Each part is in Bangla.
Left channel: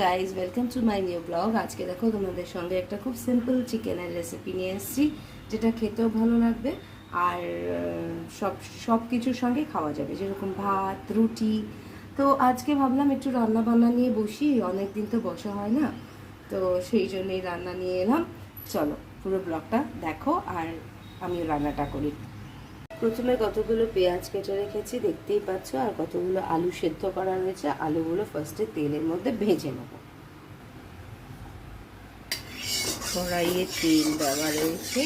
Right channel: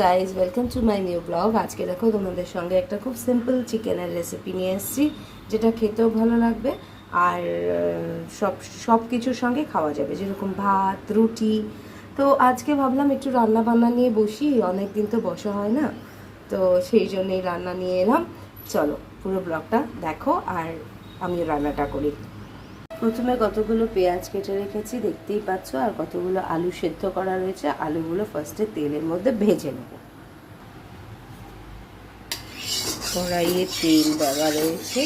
Guys, welcome to my new blog. আজকে দেখো তোমাদের সঙ্গে একটা খুব সিম্পল চিকেনের রেসিপি নিয়ে এসেছি, যেটা খেতেও ভালো লাগবে আর সব কিছুর সঙ্গে খাওয়া যাবে, যেরকম ভাত, রুটি। তো আজকে ভাবলাম একটু রান্না বান্না নিয়ে বসি, অনেক দিন তো বসা হয় না, তো সেই জন্যই রান্না নিয়ে এলাম। চলো পুরো ব্লগটা দেখো আর আমিও রান্নাটা করি। প্রথমে কতগুলো পেঁয়াজ কেটে রেখেছি দেখতেই পাচ্ছ, আর কতগুলো আলু সেদ্ধ করা রয়েছে। আলুগুলো ফার্স্টে তেলের মধ্যে ভেজে নেব। কড়াইয়ে তেল দেওয়া রয়েছে,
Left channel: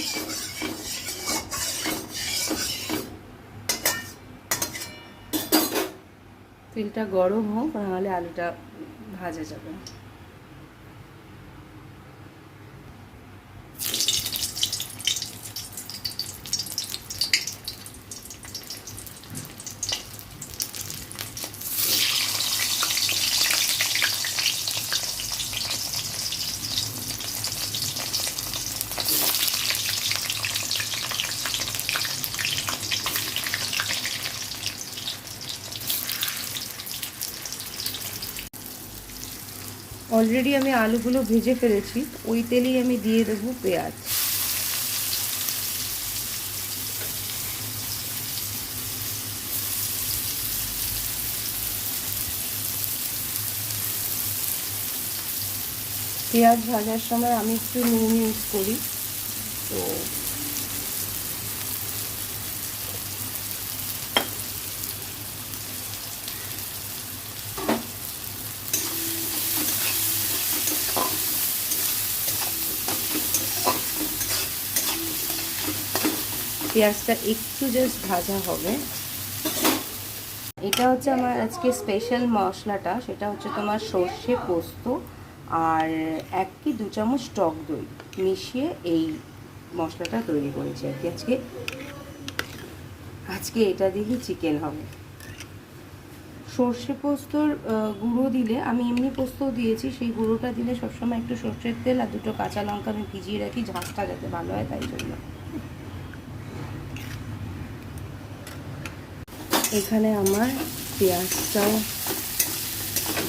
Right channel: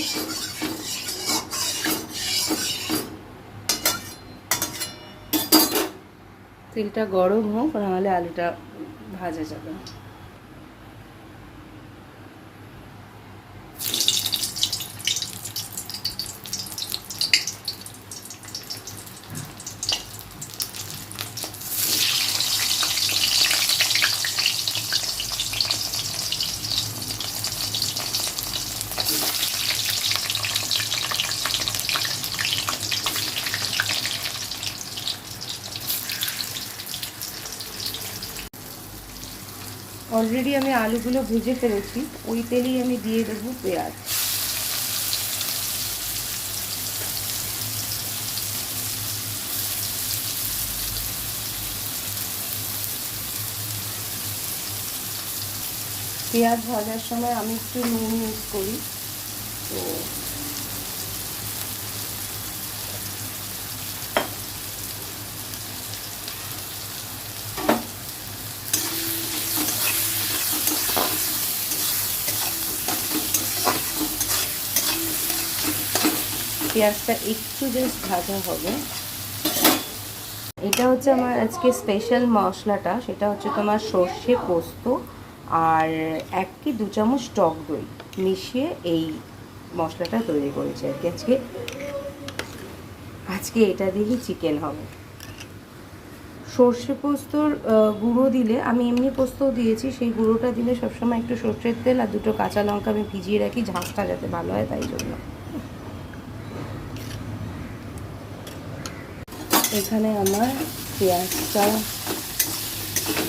তেলটা গরম হোক, নাহলে আলুটা ভাজা যাবে না। অলরেডি আমি আলুগুলো ভেজে ফেলেছি, ওই তেলেই আমি দিয়ে দেবো পেঁয়াজ। পেঁয়াজ ভাজার সময় আমি একটু নুন ইউজ করি, তো পেঁয়াজটা একটু জাস্ট ভাজা হবে। এটা হচ্ছে আমার আজকে স্পেশাল মশলাটা, সেটা হচ্ছে তোমার সর্ষে পোস্ত আর 1 কি 2 চামচ টক দই মিশিয়ে এই মশলাটা তৈরি করেছি আর কি। আজকে এটা দিয়েই চিকেন হবে। সর্ষে পোস্তর গুঁড়ো দিলে, আমি এমনি পোস্তও দিয়েছি, সেই গুঁড়োটা দিলে সবসময় একটু সর্ষের তেল আর 2টো কাঁচা লঙ্কা আমি ভিজিয়ে রাখি, ঝাঁসটা যাতে ভালো হয়, তাই জন্য। এখানে আমার পেঁয়াজটাও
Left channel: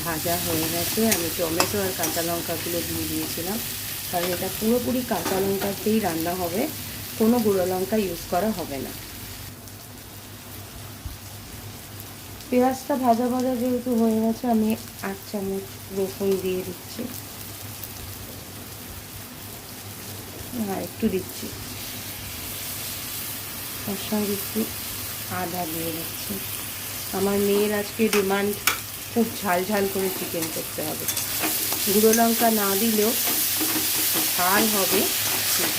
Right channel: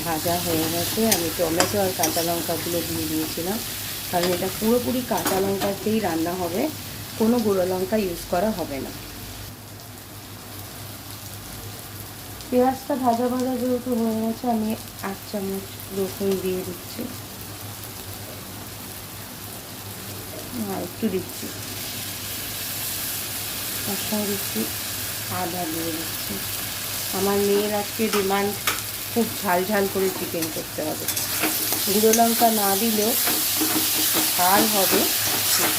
ভাজা হয়ে গেছে। আমি টমেটো আর কাঁচা লঙ্কাগুলো দিয়ে দিয়েছিলাম, কারণ এটা পুরোপুরি কাঁচা লঙ্কাতেই রান্না হবে, কোনো গুঁড়ো লঙ্কা ইউজ করা হবে না। পেঁয়াজটা ভাজা ভাজা যেহেতু হয়ে গেছে, আমি 1 চামচ রসুন দিয়ে দিচ্ছি, একটু দিচ্ছি, তার সঙ্গে একটু আদা দিয়ে দিচ্ছি। আমার মেয়ের আজকে ডিমান্ড খুব ঝাল ঝাল করে চিকেন করতে হবে, গুঁড়ো লঙ্কা না দিলেও ঝাল হবে।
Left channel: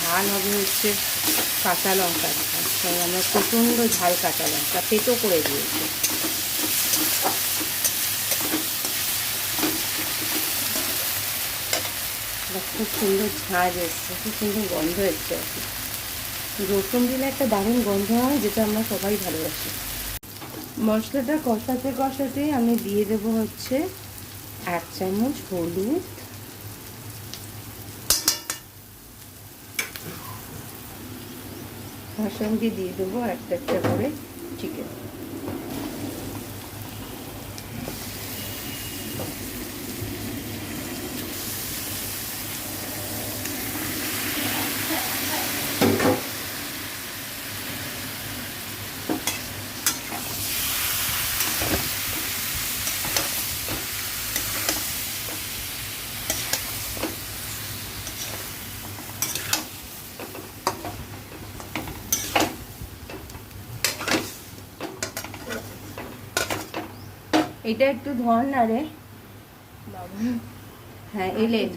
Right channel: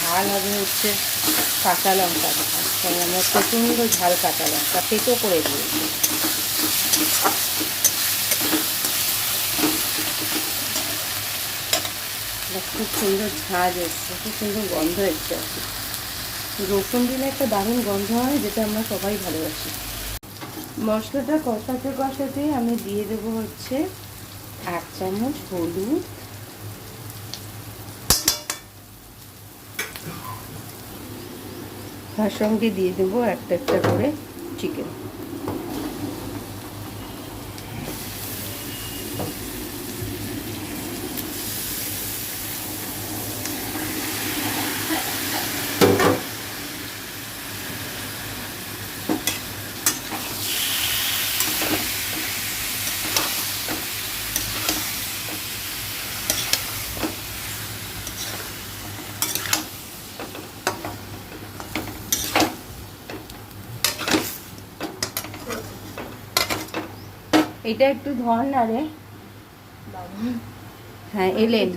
ঝাল হবে হচ্ছে কাঁচা লঙ্কা ঝাল, তাই আমরা প্রচণ্ড ঝাল কাঁচা লঙ্কা পেটো করে দিয়েছি। খুব সুন্দর ঝাঁজ এসছে, খুব সুন্দর গন্ধ এসছে। রসুন দিলে একটা দারুণ গন্ধ হয়, যেটা আমরা সবাই ভালোবাসি। মশলাটা কষাতে কষাতে আমি দিয়ে দেবো হচ্ছে 1 চামচ হলুদ, তার সঙ্গে দিয়ে দেবো একটা করে চিকেন। এটা একটু ধর না রে। হ্যাঁ এলেন,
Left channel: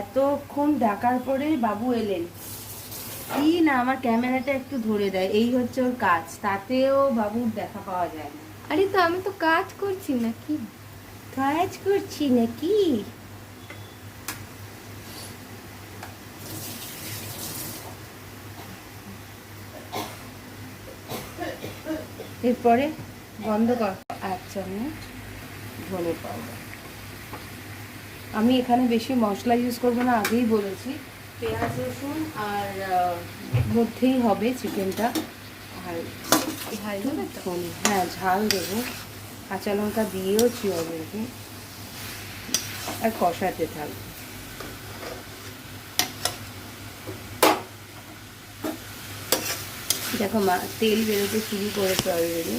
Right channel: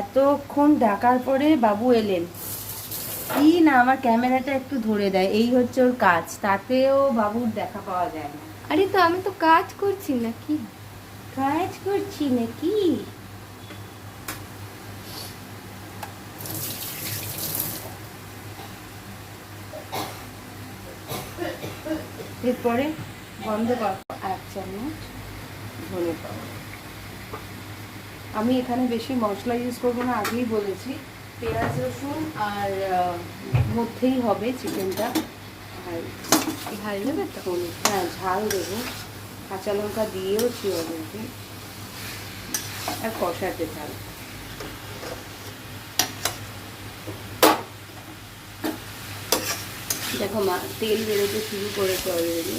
এতক্ষণ ডাকার পরে বাবু এলেন। কি না, আমার ক্যামেরাটা একটু ধরে দেয়, এই হচ্ছে ওর কাজ, তাতেও বাবুর দেখা পাওয়া যায় না। আরে তো আমি তো কাজ করছি নাকি? কাজ করছি নাকি? এরপরে বন্ধ কর। 1 চামচ ধনে পাতা। আমি এখানে বেশি মশলা ইউজ করবো না, আগেই বলেছি। পেঁয়াজ রসুন আর মধ্যেই হবে চিকেনটা। আর ঝাল দেবে তো? হ্যাঁ ঝাল দেবো, কাঁচা লঙ্কা দিয়েওছি অলরেডি। আর কষাতে থাকবো। দেখো মা তেল বেরোতে শুরু করেছে অলরেডি।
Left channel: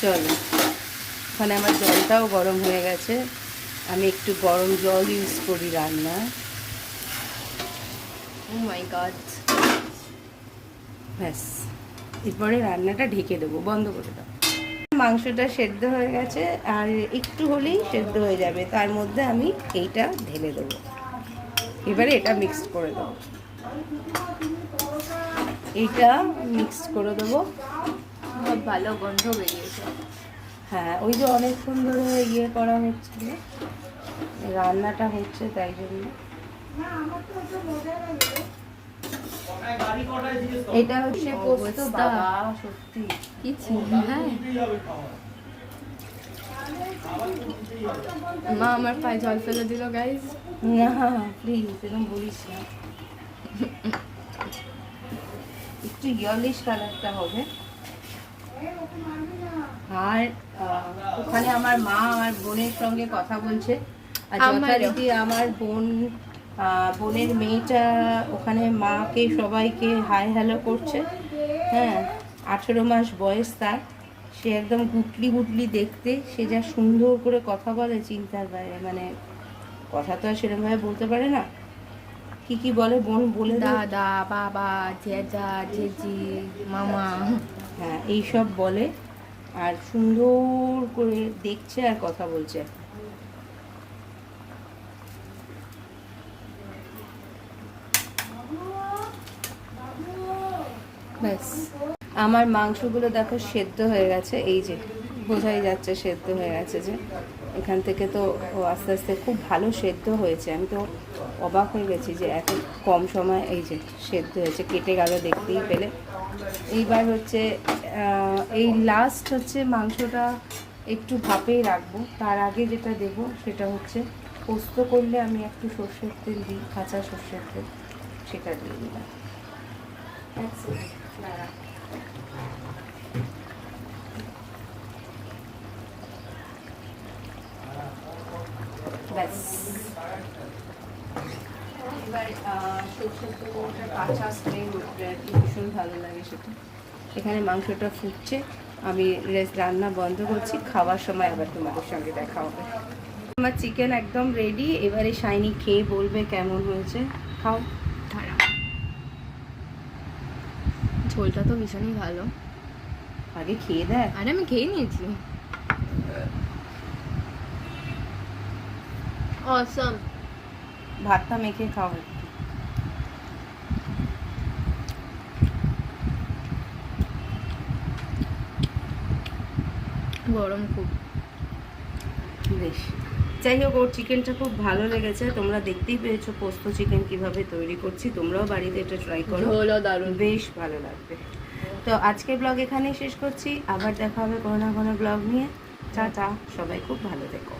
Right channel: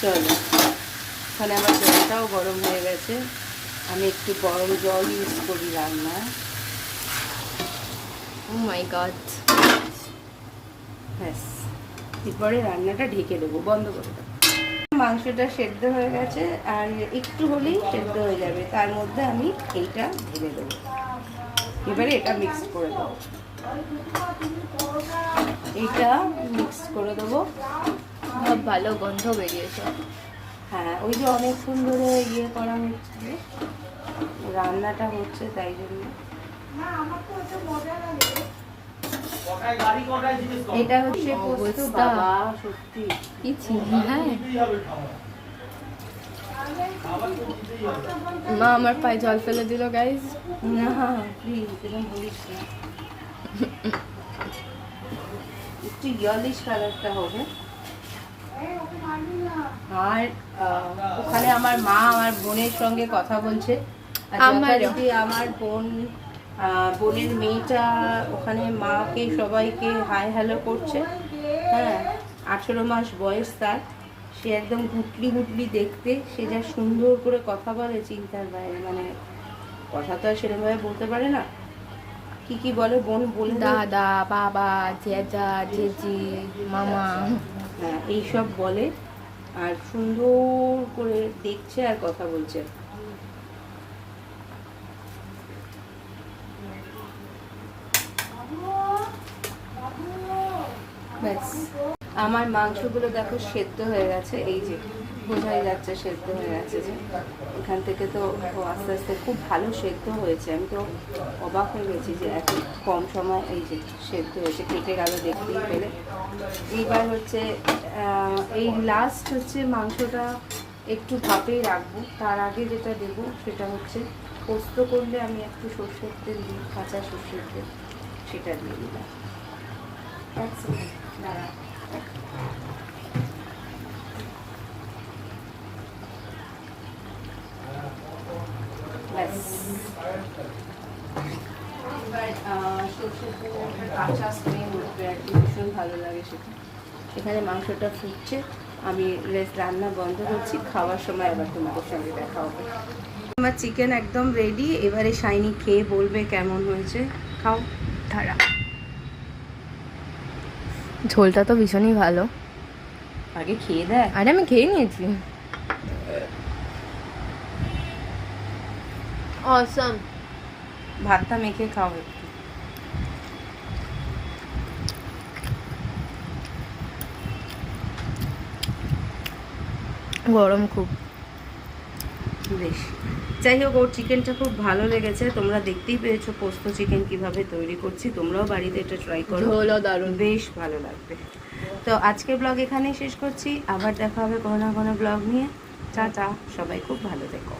চলো, ওখানে আমার জলটাও গরম হয়ে গেছে। আমি একটু গরম জল ইউজ করি রান্না। ও মাই গড। ব্যাস, এরপরে রান্নাটা ঢেকে দেবো, বন্ধ করে দেবো। মাংসটা সেদ্ধ হয়ে গেছে, আর একটু হলেই সেদ্ধ হয়ে যাবে। তার মধ্যে আমি এইটা ঢেলে দেবো। এবারে এটা মিক্সড করে দেবো, এইটা মিক্সড করে দেবো। খুব ভালো গন্ধ বেরিয়েছে। হ্যাঁ, ওই যে অনেকক্ষণ ধরে ইয়ে করা হচ্ছে, রান্নাটা হচ্ছে, তাই জন্য। এটা হচ্ছে পোস্ত। অবস্থা। বাবা, সত্যি কি চিনি। হ্যাঁ, মা আমার পায়ে জল ফেলে দিল গাইজ। না প্লিজ এরকম বলিস না, একটু ইয়েলিশ কালারটা হবে। আর ওখানে আমার মা আমার বোনের সঙ্গে কথা বলছে। আর যথারীতি আমার বোনের মেয়েটা ওখানে মাকে সবাইকে হাই হ্যালো করছে। হ্যাঁ, 18 মাস বয়স তার। সে একদম গুটলি গুটলি দেখতে, সে যা সুন্দর করে কথা বলে চিন্তার বাইরে। মানে কথা তো আর সেরকমভাবে বলতে পারে না। কি কি বলে বোন বলে দাও। দাদা, বাবা, জেজা, জেজি, মামা। হ্যাঁ, এইসব বলে, আর সুন্দর করে দেখছে আর কথা বলছে। ব্যাস, আমার মাংসগুলো দেখো সেদ্ধ হয়ে গেছে। এই যে বোঝাই যাচ্ছে সেদ্ধ হয়ে গেছে, যে এখান থেকে তো ও আস্তে আস্তে খুব ভালো সেদ্ধ হয়েছে। আমি তো অবাক হয়ে গেছি যে এত কম সময় এই যে সেদ্ধ হয়েছে, কেটে গেল দেখতেই পেলে। এইবার হচ্ছে এই লাস্ট হচ্ছে মাংসটা একটু ভাপেই রাখবো। তার আগে যেটা দেবো সেটা হচ্ছে পোস্ত করলে আমি একটু সর্ষের তেল দিই, কাঁচা সর্ষের তেল, সেটা দিয়ে দিলাম। ব্যাস, এবার সর্ষের তেলটা কাঁচা স্মেল উঠবে আর কি, ভীষণ ভালো লাগে সেটা। এখানে মাংসটা ফুটছে, আমি রান্না বন্ধ করছি। খাওয়ার সময় আবার তোমাদের সঙ্গে দেখা হবে। আমার চিকেন একদম রেডি। এবারে শাইনি খেয়ে বলবে কেমন হয়েছে। খাও। ধারা, ঝোলটা তো ভীষণই ভালো। আগে খেয়ে দেয়। আরে আমি খেয়ে নিয়েছি। অসম। ভাতটা মেখে খাও একটু। গরম খুব। বেশ, যাই হোক, ওর চিকেনটা খুব ভালো লেগেছে। তোমরা দেখতেই পেয়েছো পোস্ত চিকেন কিভাবে তৈরি করছি। তোমরাও বাড়িতে এটা ট্রাই করো, ঝোলও দারুণ। বেশ ভালো লাগবে। তো আজকের ব্লগ এখানেই শেষ করছি। আবার দেখা হবে কোনো না কোনো ব্লগ নিয়ে। টাটা, সবাই খুব ভালো থেকো।